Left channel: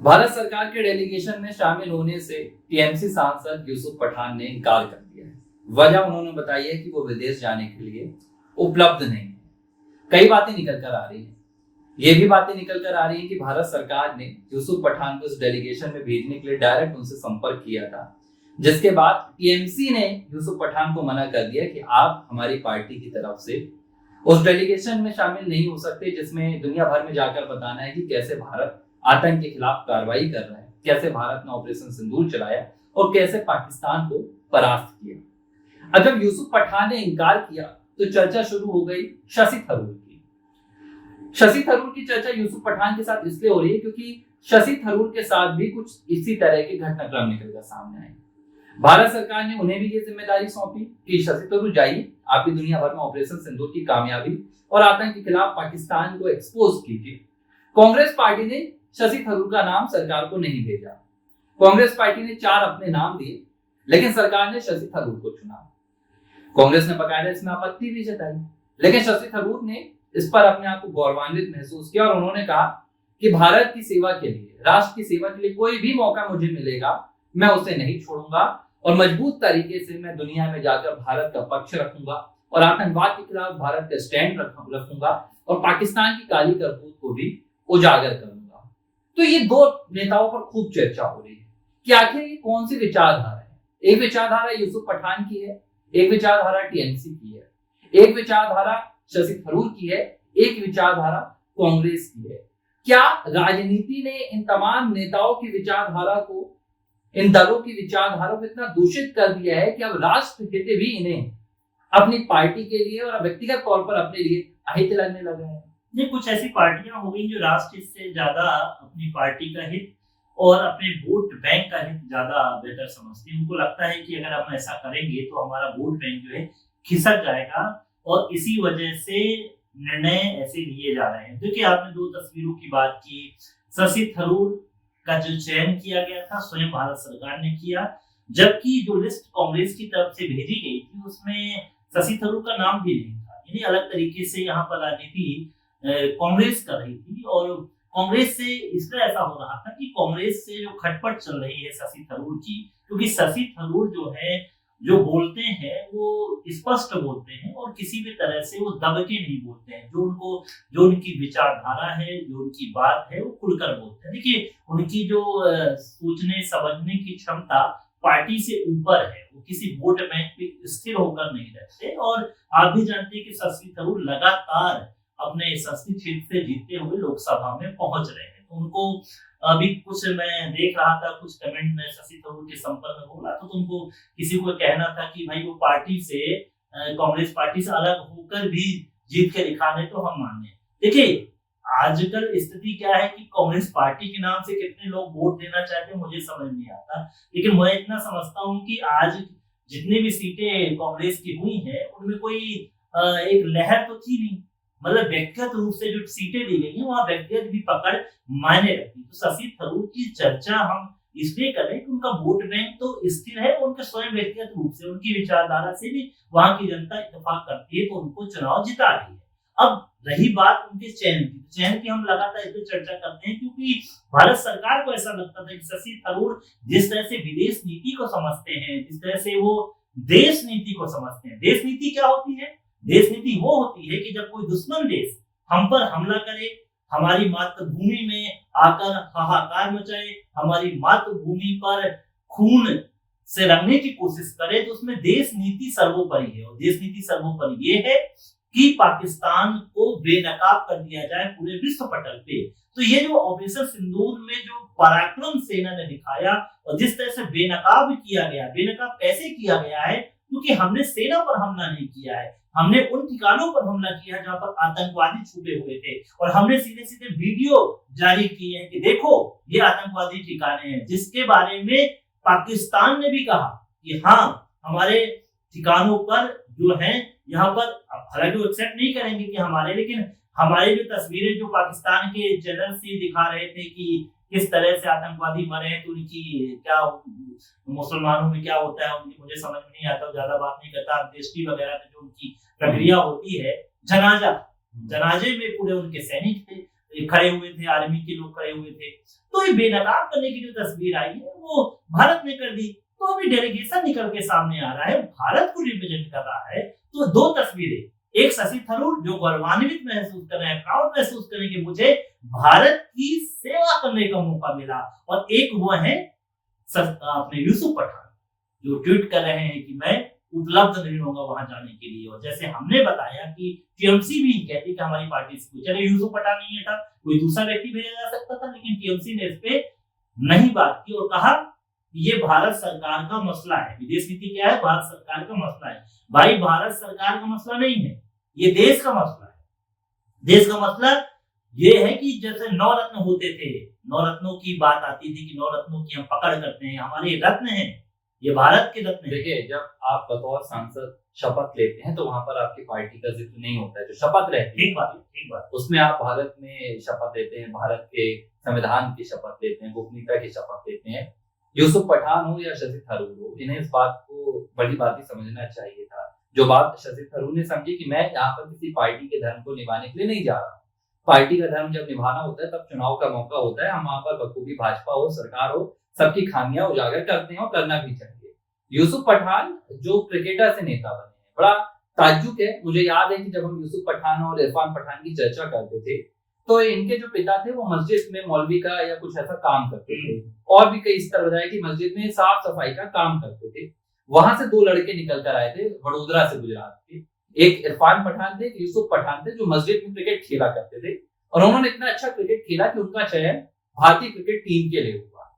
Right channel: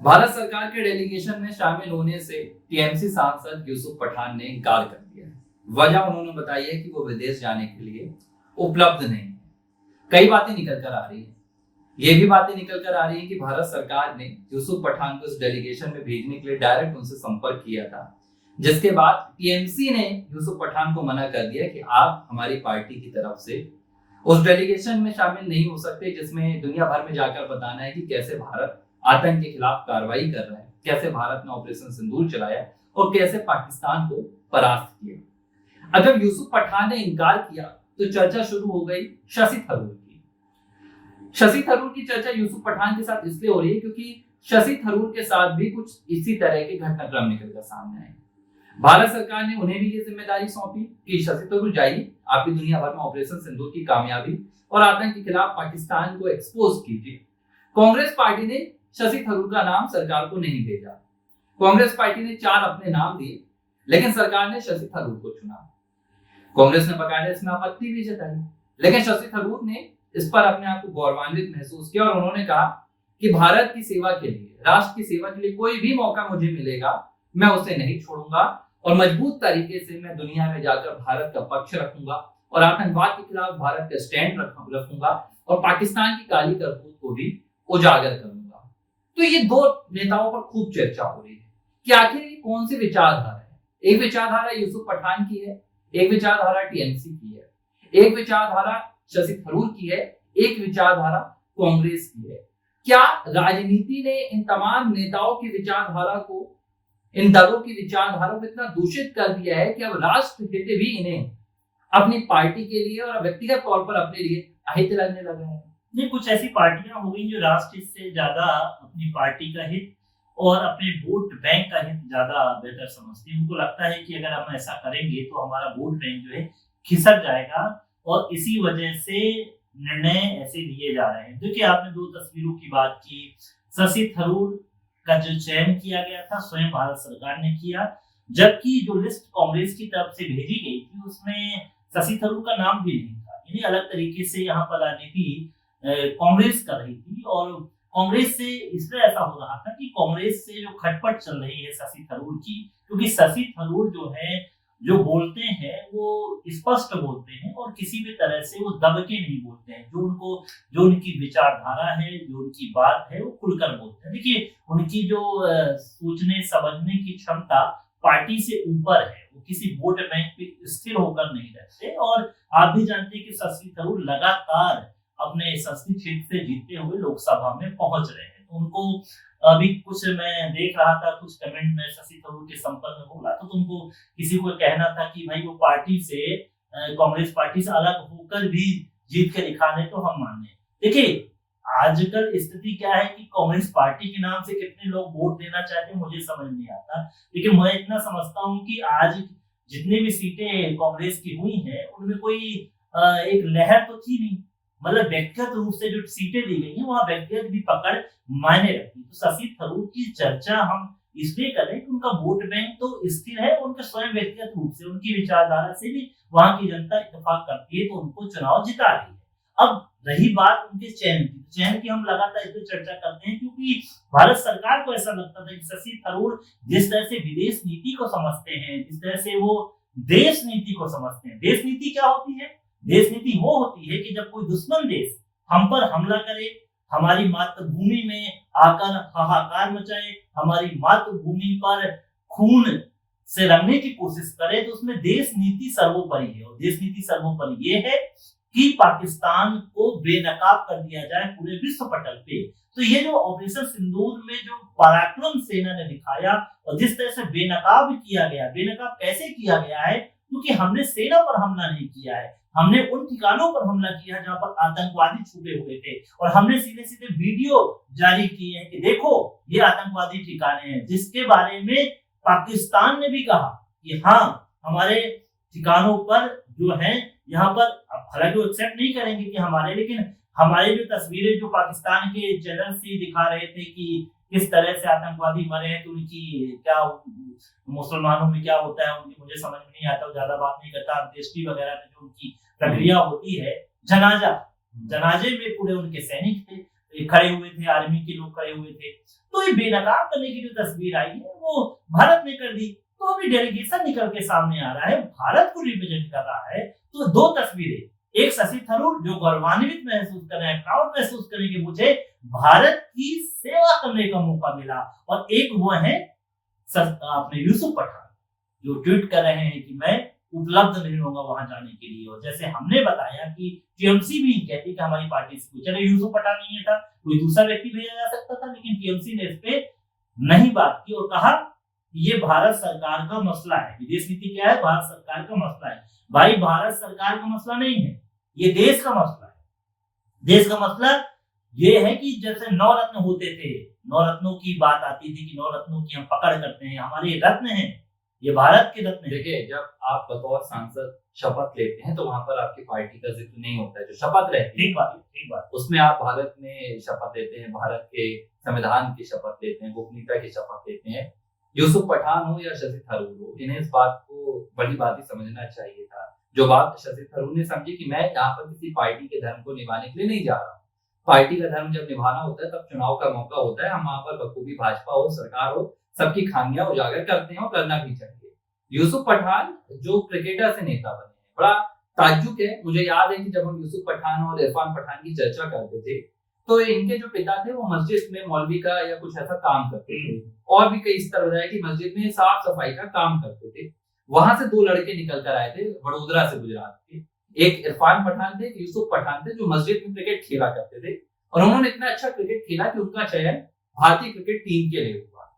भारत सरकार के डेलीगेशन में शामिल होने से टीएमसी सांसद यूसुफ पठान ने इनकार कर दिया है। वजह उन्होंने बताई है कि वो विदेश जाने के लिए उपलब्ध नहीं है। कई बातें निकल कर आ रही है। ये भी बातें निकल कर आ रही है कि भारत सरकार ने यूसुफ पठान को इस डेलीगेशन में भेजने के लिए डायरेक्ट उनसे संपर्क किया था, जिसके बाद टीएमसी ने यूसुफ पठान को मना कर दिया कि आप हमारी पार्टी की तरफ से उस डेलीगेशन में शामिल नहीं हो सकते, जिसमें दुनिया भर में जाकर बताना है कि कैसे भारत आतंक के खिलाफ कार्रवाई कर रहा है, कैसे भारत ने ऑपरेशन सिंदूर चलाया और कैसे पाकिस्तान को परास्त किया। अब जब यूसुफ पठान ने इनकार किया तो चर्चा शुरू हो गई शशि थरूर की। शशि थरूर की चर्चा यूसुफ पठान के साथ इसलिए हो रही है क्योंकि शशि थरूर के साथ भी कुछ इसी तरह के घटनाक्रम निकलकर सामने आए। भारत सरकार ने उन्हें भी ये जिम्मेदारी सौंपी कि शशि थरूर जाइए, आप भी दुनिया भर में ऑपरेशन सिंदूर की कामयाबी और आतंक के खिलाफ पाकिस्तान को एक्सपोज कीजिए। कांग्रेस पार्टी ने शशि थरूर का नाम सरकार को नहीं भेजा। कांग्रेस पार्टी ने 4 अपने नाम दिए, लेकिन सरकार ने शशि थरूर को चुना। कांग्रेस ने बकायदा इसमें आपत्ति भी जताई, लेकिन शशि थरूर ने इस पर अपने आप को गौरवान्वित महसूस किया और उन्होंने कहा कि भारत की सेवा के लिए, राष्ट्र की सेवा के लिए कोई भी मौका मुझे मिलेगा, मैं उसे नहीं छोड़ूंगा और मजबूत तरीके से मैं दुनिया में जाकर भारत का पक्ष रखूंगा और आतंकवाद के खिलाफ भारत का स्टैंड रखूंगा और पाकिस्तान की काली करतूत को भी उजागर करूंगा। तो ये 2 नेताओं पर खूब चर्चा हो रही है कि आखिर ये कौन सी विचारधारा है। एक विचारधारा यूसुफ पठान की है, एक विचारधारा टीएमसी की है, एक विचारधारा शशि थरूर की है, एक विचारधारा कांग्रेस की है। क्या राजनीति ने इन तमाम नेताओं की विचारधारा को, इन दलों की विचारधारा को इतना दूषित कर दिया है कि अब राष्ट्र हित भी इन्हें अपनी पार्टी के लिए और व्यक्तिगत तौर पर अपने लिए अहित लगने लगे हैं? ये कुछ ऐसी पार्टियां हो गई जो राष्ट्र हित से ज्यादा अपनी पार्टी का हित और अपने वोट बैंक का हित ज्यादा बेहतर समझती है। उनको लगता है कि अगर हम ऐसा करेंगे तो हमारा वोट बैंक जो है खिसक जाएगा और इसी वजह से निर्णय ऐसे लिए जा रहे हैं। देखिए, आपने 2 तस्वीरों की बात की। शशि थरूर का जो चयन किया गया था स्वयं भारत सरकार ने किया, जबकि जो लिस्ट कांग्रेस की तरफ से भेजी गई थी उसमें शशि थरूर का नाम भी नहीं था। यानी अलग तरीके से यहाँ पर राजनीति कांग्रेस कर रही थी और कांग्रेस से इसलिए ऐसा हो रहा था कि कांग्रेस से जो खटपट चल रही है शशि थरूर की, क्योंकि शशि थरूर जो है जो बोलते हैं वो स्पष्ट बोलते हैं और किसी भी तरह से वो दब के नहीं बोलते हैं। जो उनकी विचारधारा है, जो उनकी बात है, वो खुलकर बोलते हैं। देखिए, उनकी जो सोचने समझने की क्षमता पार्टी से ऊपर है, वो किसी वोट बैंक पे स्थिर होकर नहीं रहते। और आप भी जानते हैं कि शशि थरूर लगातार अपने संसदीय क्षेत्र से जीतते हुए लोकसभा में पहुंच रहे हैं। तो उनको अभी कुछ मैं देख रहा था, कुछ कमेंट में शशि थरूर के संपर्क में बोला तो उनको किसी को कहना था कि भाई वो पार्टी से, कांग्रेस पार्टी से अलग होकर भी जीत के दिखा रहे तो हम माने। देखिए, आजकल स्थिति क्या है कि कांग्रेस पार्टी के नाम से कितने लोग वोट देना चाहते हैं मुझे समझ नहीं आता, लेकिन मैं इतना समझता हूँ कि आज जितनी भी सीटें कांग्रेस की हुई हैं उनमें कोई एक लहर तो थी नहीं। मतलब व्यक्तिगत रूप से जो सीटें दी गई हैं वहां व्यक्तिगत भी पकड़ मायने रखती। तो शशि थरूर की चर्चा हम इसलिए कर रहे हैं कि उनका वोट बैंक तो स्थिर है, उनका स्वयं व्यक्तिगत रूप से, उनकी विचारधारा से भी वहां की जनता इत्तेफाक करती है, तो उनको चुनाव जिता रही है। अब रही बात उनके चयन की हम लगातार इस पर चर्चा करते हैं क्योंकि भारत सरकार को ऐसा लगता था कि शशि थरूर जिस तरह से विदेश नीति को समझते हैं, जिस तरह से वो देश नीति को समझते हैं। देश नीति क्या होती है? देश नीति वो होती है कि जब कोई दुश्मन देश हम पर हमला करे, हमारी मातृभूमि में आकर हाहाकार मचाए, हमारी मातृभूमि पर खून से रंगने की कोशिश करे, तो उसमें देश नीति सर्वोपरि है। और देश नीति सर्वोपरि ये है कि पाकिस्तान को बेनकाब कर दिया जाए पूरे विश्व पटल पे। तो ये जो ऑपरेशन सिंदूर में जो पराक्रम सेना ने दिखाया और जिस तरह से बेनकाब किया गया, बेनकाब कैसे किया गया है? क्योंकि हमने सेना पर हमला नहीं किया है, हमने उन ठिकानों पर हमला किया है जहां पर आतंकवादी छुपे हुए थे और हमने सीधे सीधे वीडियो जारी किए हैं कि देखो ये आतंकवादी ठिकाने हैं, जिसके बारे में पाकिस्तान ने भी कहा कि हाँ हमारे ठिकानों पर जो है यहाँ पर, हालांकि वो एक्सेप्ट नहीं करेंगे कि हमारे, लेकिन हमारे जो तस्वीरें जो पाकिस्तान के चैनल से दिखा रहे थे कि किस तरह से आतंकवादी मरे हैं, तो उनकी क्या मुसलमानों में क्या होता है उनकी मुझे समझ में नहीं आता, ज्यादा बात नहीं करता। अंत्येष्टि वगैरह में जो उनकी प्रक्रिया होती है, जनाजे में पूरे उनके सैनिक थे, खड़े हुए थे, आर्मी के लोग खड़े हुए थे। तो ये बेनकाब करने की जो तस्वीर आई है वो भारत ने कर दी। तो अभी डेलीगेशन निकल के सामने आ रहा है, भारत को रिप्रेजेंट कर रहा है। तो दो तस्वीरें, एक शशि थरूर जो गौरवान्वित महसूस कर रहे हैं, प्राउड महसूस करें कि मुझे भारत की सेवा करने का मौका मिला, और एक वो है अपने यूसुफ पठान जो ट्वीट कर रहे हैं कि मैं उपलब्ध नहीं होगा वहां जाने के लिए। और जैसे हमने बताया कि टीएमसी भी कहती कि हमारी पार्टी से पूछा, यूसुफ पठान नहीं था, कोई दूसरा व्यक्ति भेजा जा सकता था, लेकिन टीएमसी ने इस पे नहीं बात की और कहा ये भारत सरकार का मसला है। विदेश नीति क्या है? भारत सरकार का मसला है। भाई भारत सरकार का मसला नहीं है, ये देश का मसला है। देश का मसला ये है कि जैसे 9 रत्न होते थे, 9 रत्नों की बात आती थी कि 9 रत्नों की हम पकड़ करते हैं, हमारे रत्न हैं, ये भारत के रत्न हैं। देखिए, जब आप बतौर सांसद शपथ लेते हैं तो वहां पर आपकी पार्टी का जिक्र नहीं होता है। जो शपथ रहती है, ठीक बात, उसमें आप भारत में शपथ लेते हैं, भारत के संविधान की शपथ लेते हैं, गोपनीयता की शपथ लेते हैं। यूसुफ पठान हो या शशि थरूर हो, इन्हें इस बात को बड़ी बात ही समझना चाहिए था। जो बात शशि थरूर ने समझी कि मैं यहाँ पर किसी पार्टी के धर्म को निभाने के लिए नहीं जा रहा हूँ। पार्टी का धर्म जब निभाना होता है तब चुनाव का मौका होता है। हम वहां पर बखूबी भाजपा हो, सरकार हो, सबकी खामियां उजागर करते हैं और करना भी चाहिए। यूसुफ पठान जो क्रिकेटर से नेता बने हैं, बड़ा ताज्जुब है। मुझे याद है कि जब हम यूसुफ पठान और इरफान पठान की चर्चा करते थे तो इनके जो पिता थे वो मस्जिद में मौलवी का या कुछ ऐसा काम करते थे, और भी कई स्तर बताया कि मस्जिद में साफ सफाई का काम करते थे। वहां से 2 लड़के निकल कर आए थे वडोदरा से, गुजरात के। एक इरफान पठान थे, एक यूसुफ पठान थे, जो मस्जिद में क्रिकेट खेला करते थे, और उन्होंने इतना अच्छा क्रिकेट खेला कि उनका चयन भारतीय क्रिकेट टीम के लिए हुआ।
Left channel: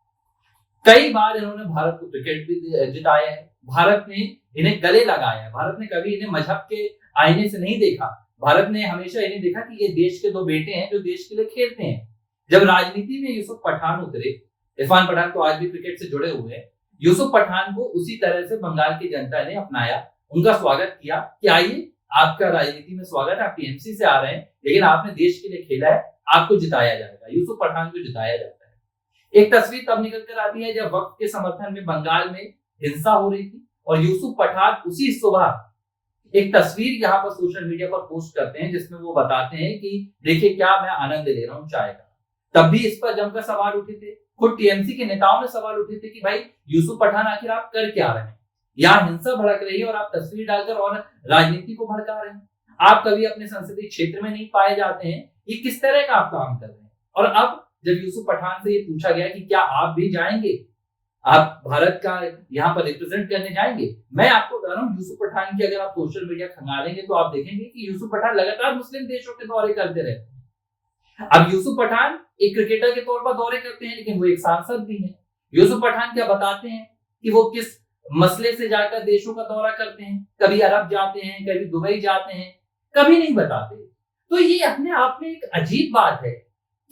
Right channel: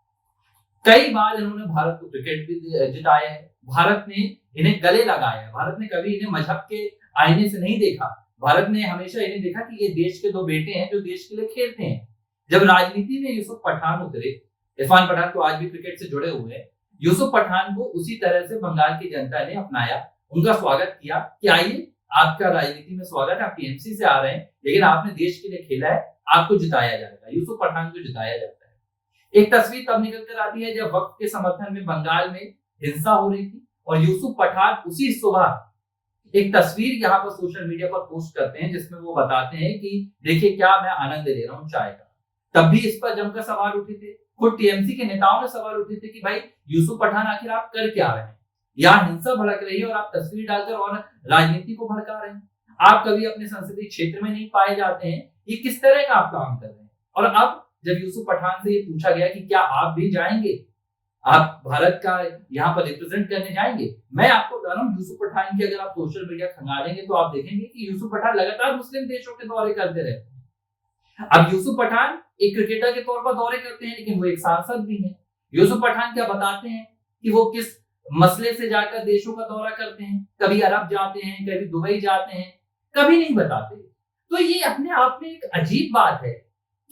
कई बार इन्होंने भारत को क्रिकेट भी जिताया है, भारत ने इन्हें गले लगाया है, भारत ने कभी इन्हें मजहब के आईने से नहीं देखा। भारत ने हमेशा इन्हें देखा कि ये देश के 2 बेटे हैं जो देश के लिए खेलते हैं। जब राजनीति में यूसुफ पठान उतरे, इरफान पठान तो आज भी क्रिकेट से जुड़े हुए हैं, यूसुफ पठान को उसी तरह से बंगाल की जनता ने अपनाया, उनका स्वागत किया कि आइए, आपका राजनीति में स्वागत है, आप टीएमसी से आ रहे हैं, लेकिन आपने देश के लिए खेला है, आपको जिताया जाएगा। यूसुफ पठान को जिताया जाता है। एक तस्वीर तब निकल कर आती है जब वक्त के समर्थन में बंगाल में हिंसा हो रही थी, और यूसुफ पठान उसी सुबह एक तस्वीर यहाँ पर सोशल मीडिया पर पोस्ट करते हैं जिसमें वो बताते हैं कि देखिए क्या मैं आनंद ले रहा हूँ चाय का। तब भी इस पर जमकर सवाल उठे थे, खुद टीएमसी के नेताओं ने सवाल उठे थे कि भाई यूसुफ पठान आखिर आप कर क्या रहे हैं, यहाँ हिंसा भड़क रही है और आप तस्वीर डालकर और राजनीति को भड़का रहे हैं, आप कभी अपने संसदीय क्षेत्र में नहीं पाए जाते हैं, ये किस तरह का आप काम कर रहे हैं। और अब जब यूसुफ पठान से ये पूछा गया कि क्या आप भी जाएंगे, आप भारत का यहाँ पर रिप्रेजेंट करने जाएंगे, मैं आपको बता रहा हूँ यूसुफ पठान की अगर आप सोशल मीडिया खंगालेंगे तो आप देखेंगे कि यूसुफ पठान लगातार मुस्लिम देशों के दौरे करते रहते हैं। अब यूसुफ पठान एक क्रिकेटर के तौर पर दौरे करते हैं, लेकिन वो एक सांसद भी हैं। यूसुफ पठान क्या बताते हैं कि वो किस मसले से जाकर देशों का दौरा करते हैं, कभी अरब जाते हैं, कभी दुबई जाते हैं, कभी नहीं बताते। तो ये अपने आप में एक अजीब बात है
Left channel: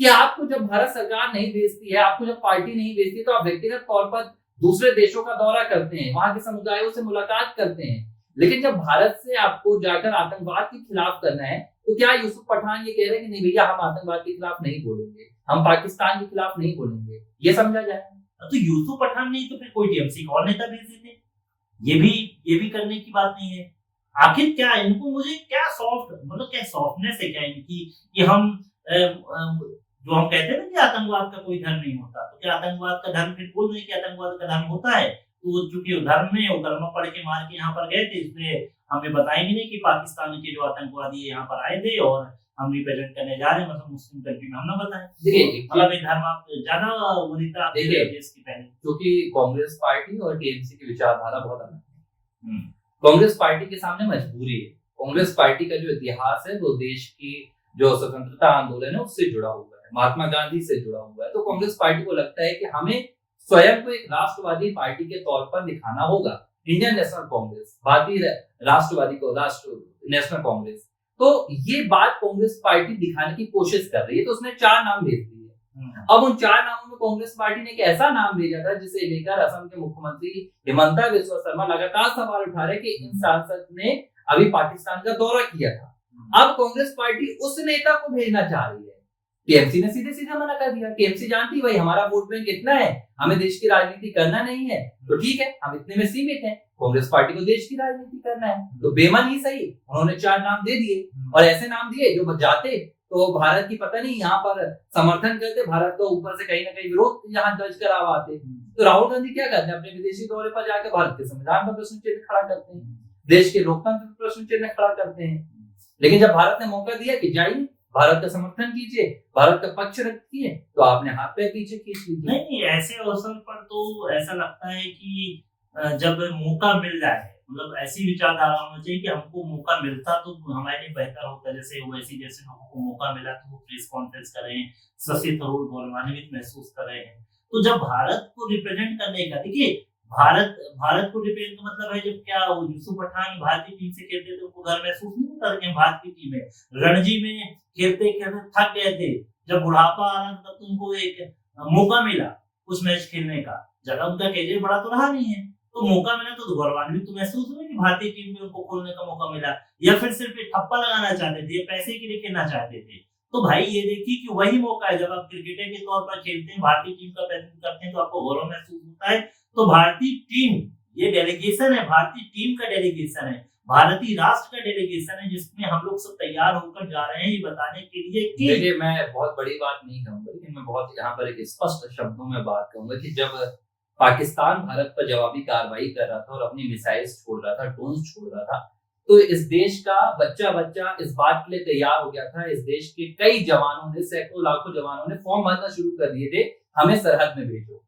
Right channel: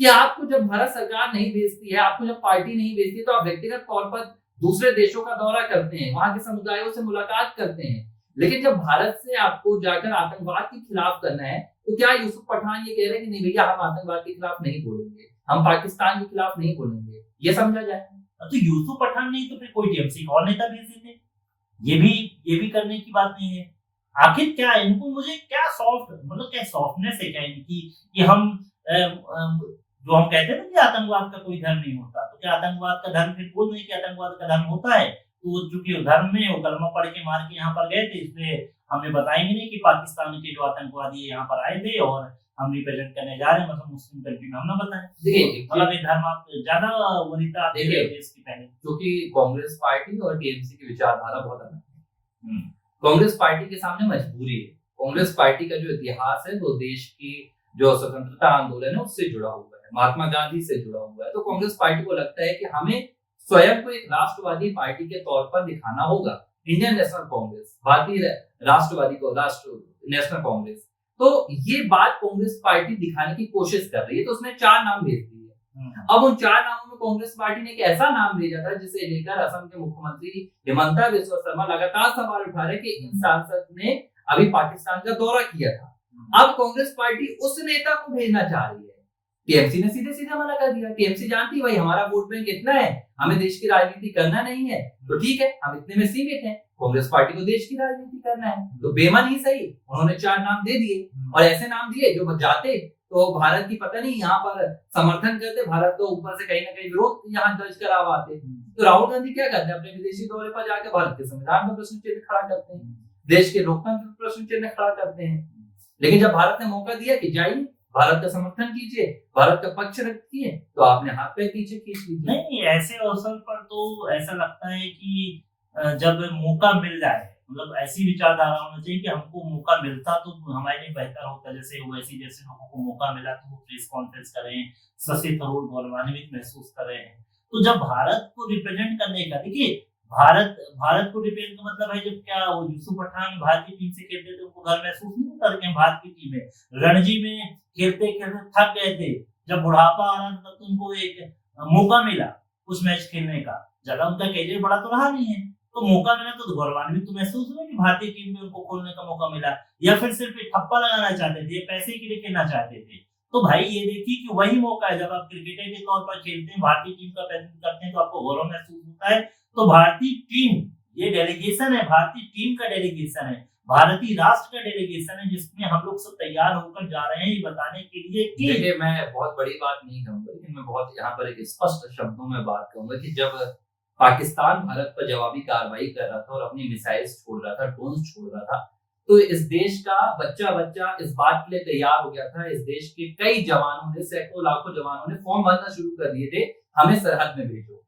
कि आपको जब भारत सरकार नहीं भेजती है, आपको जब पार्टी नहीं भेजती है, तो आप व्यक्तिगत तौर पर दूसरे देशों का दौरा करते हैं, वहां के समुदायों से मुलाकात करते हैं। लेकिन जब भारत से आपको जाकर आतंकवाद के खिलाफ करना है, तो क्या यूसुफ पठान ये कह रहे हैं कि नहीं भैया हम आतंकवाद के खिलाफ नहीं बोलेंगे, हम पाकिस्तान के खिलाफ नहीं बोलेंगे, ये समझा जाए। तो यूसुफ पठान नहीं तो फिर कोई टीएमसी का और नेता भेज देते, ये भी करने की बात नहीं है। आखिर क्या है इनको, मुझे क्या सॉफ्ट मतलब क्या सॉफ्टनेस है क्या इनकी कि हम जो हम कहते हैं ना कि आतंकवाद का कोई धर्म नहीं होता, तो क्या आतंकवाद का धर्म फिर बोल रहे कि आतंकवाद का धर्म होता है। तो चूंकि धर्म में वो कलमा पढ़ के मार के यहाँ पर गए थे, इसलिए हमें बताएंगे नहीं कि पाकिस्तान के जो आतंकवादी यहाँ पर आए थे और हम रिप्रेजेंट करने जा रहे हैं, मतलब मुस्लिम कंट्री में, हम ना बताएं। देखिए मतलब ये धर्म आप ज्यादा वरीयता देखिए इसकी पहले, क्योंकि कांग्रेस पार्टी और टीएमसी की विचारधारा बहुत अलग है। कांग्रेस पार्टी के सामने मजबूरी है। कांग्रेस पार्टी का जो इतिहास है वो देश की जो स्वतंत्रता आंदोलन है उससे जुड़ा हुआ है, महात्मा गांधी से जुड़ा हुआ है। तो कांग्रेस पार्टी को लगता है कि हमें स्वयं को एक राष्ट्रवादी पार्टी के तौर पर दिखाना होगा। इंडियन नेशनल कांग्रेस, भारतीय राष्ट्रवादी को राष्ट्र नेशनल कांग्रेस, तो ये बात कांग्रेस पार्टी दिखाने की कोशिश कर रही है। तो उसने 4 नाम भेज दिए। अब उन 4 नामों में कांग्रेस पार्टी ने एक ऐसा नाम भेजा था जिसे लेकर असम के मुख्यमंत्री हिमंता बिस्वा शर्मा लगातार सवाल उठा रहे कि इन सांसद ने अभी पाकिस्तान का दौरा किया था। अब कांग्रेस पार्टी उस नेता को भेजना चाह रही है। टीएमसी ने सीधे सीधे मना कर दिया। टीएमसी जानती है भाई हमारा वोट बैंक इतना है, हमें देश की राजनीति करना नहीं है, तो ठीक है हम इतने में सीमित हैं। कांग्रेस पार्टी को देश की राजनीति करना है, तो बेमन ही सही उन्होंने 4 नाम दे दिए, और ऐसे नाम दिए जो जाते तो भारत की पता नहीं यहाँ पर समर्थन करते, भारत को ऊपर से कहीं ना कहीं विरोध यहाँ दर्ज करा हुआ आते। तो राहुल गांधी क्या करते हैं, अपने विदेशी दौरे पर जाकर भारत के संविधान पर प्रश्न चिन्ह खड़ा करते हैं, देश के लोकतंत्र पर प्रश्न चिन्ह खड़ा करते हैं। लेकिन जब भारत ने मौका दिया कि जाइए भारत का समर्थन कीजिए, भारत का पक्ष रखिए, तो आपने हाथ पैर पीछे खींच ली। नहीं, ऐसे अवसर पर तो ऐसा लगता है कि जब मौका मिल जाए, मतलब ऐसी विचारधारा होनी चाहिए कि हमको मौका मिलता तो हमारे लिए बेहतर होता। जैसे ओवैसी जैसे लोगों को मौका मिला तो वो प्रेस कॉन्फ्रेंस कर रहे हैं, शशि थरूर गौरवान्वित महसूस कर रहे हैं। तो जब भारत को रिप्रेजेंट करने का, देखिए भारत को रिप्रेजेंट का मतलब है, जब क्या वो यूसुफ पठान भारतीय टीम से खेलते थे उनको घर महसूस नहीं होता कि हम भारतीय टीम है। रणजी में खेलते खेलते थक गए थे, जब बुढ़ापा आ रहा था तो उनको एक मौका मिला उस मैच खेलने का, ज्यादा उनका कैरियर बड़ा तो रहा नहीं है, तो मौका मिला तो गौरवान्वित तो महसूस हुआ कि भारतीय टीम में उनको खोलने का मौका मिला। या फिर सिर्फ एक ठप्पा लगाना चाहते थे, पैसे के लिए खेलना चाहते थे। तो भाई ये देखिए कि वही मौका है, जब आप क्रिकेटर के तौर पर खेलते हैं, भारतीय टीम का प्रतिनिधित्व करते हैं, तो आपको गौरव महसूस होता है। तो भारतीय टीम, ये डेलीगेशन है, भारतीय टीम का डेलीगेशन है, भारतीय राष्ट्र का डेलीगेशन है, जिसमें हम लोग सब तैयार होकर जा रहे हैं ये बताने के लिए कि देखिए, मैं बहुत बड़ी बात नहीं कहूंगा, लेकिन मैं बहुत यहाँ पर एक स्पष्ट शब्दों में बात कहूंगा कि जब पाकिस्तान भारत पर जवाबी कार्रवाई कर रहा था और अपनी मिसाइल्स छोड़ रहा था, ड्रोन्स छोड़ रहा था, तो इस देश का बच्चा बच्चा इस बात के लिए तैयार हो गया था। इस देश के कई जवानों ने, सैकड़ों लाखों जवानों ने फॉर्म भरना शुरू कर दिए थे, हमें सरहद में भेजो,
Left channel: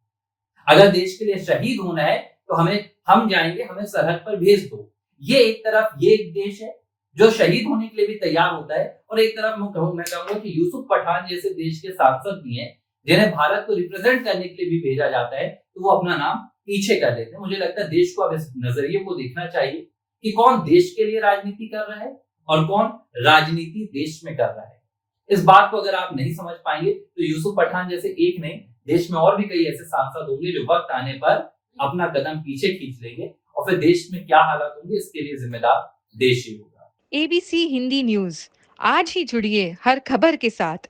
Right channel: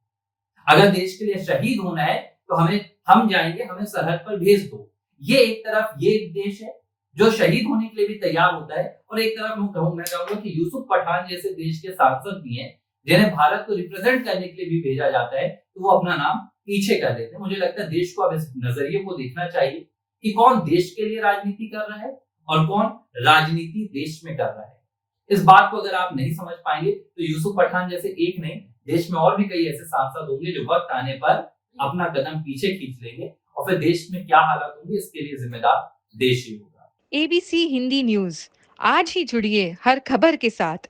अगर देश के लिए शहीद होना है तो हम जाएंगे, हमें सरहद पर भेज दो। ये एक तरफ ये एक देश है जो शहीद होने के लिए भी तैयार होता है, और एक तरफ मैं कहूंगा कि यूसुफ पठान जैसे देश के सांसद भी हैं जिन्हें भारत को रिप्रेजेंट करने के लिए भी भेजा जाता है, तो वो अपना नाम पीछे कर लेते हैं। मुझे लगता है देश को अब इस नजरिए को देखना चाहिए कि कौन देश के लिए राजनीति कर रहा है और कौन राजनीति देश में कर रहा है। इस बात को अगर आप नहीं समझ पाएंगे तो यूसुफ पठान जैसे एक नहीं, देश में और भी कई ऐसे सांसद होंगे जो वक्त आने पर अपना कदम पीछे खींच लेंगे, और फिर देश में क्या हालात होंगे इसके लिए जिम्मेदार देश ही होगा। ABC हिंदी न्यूज, आज ही जुड़िए हर खबर के साथ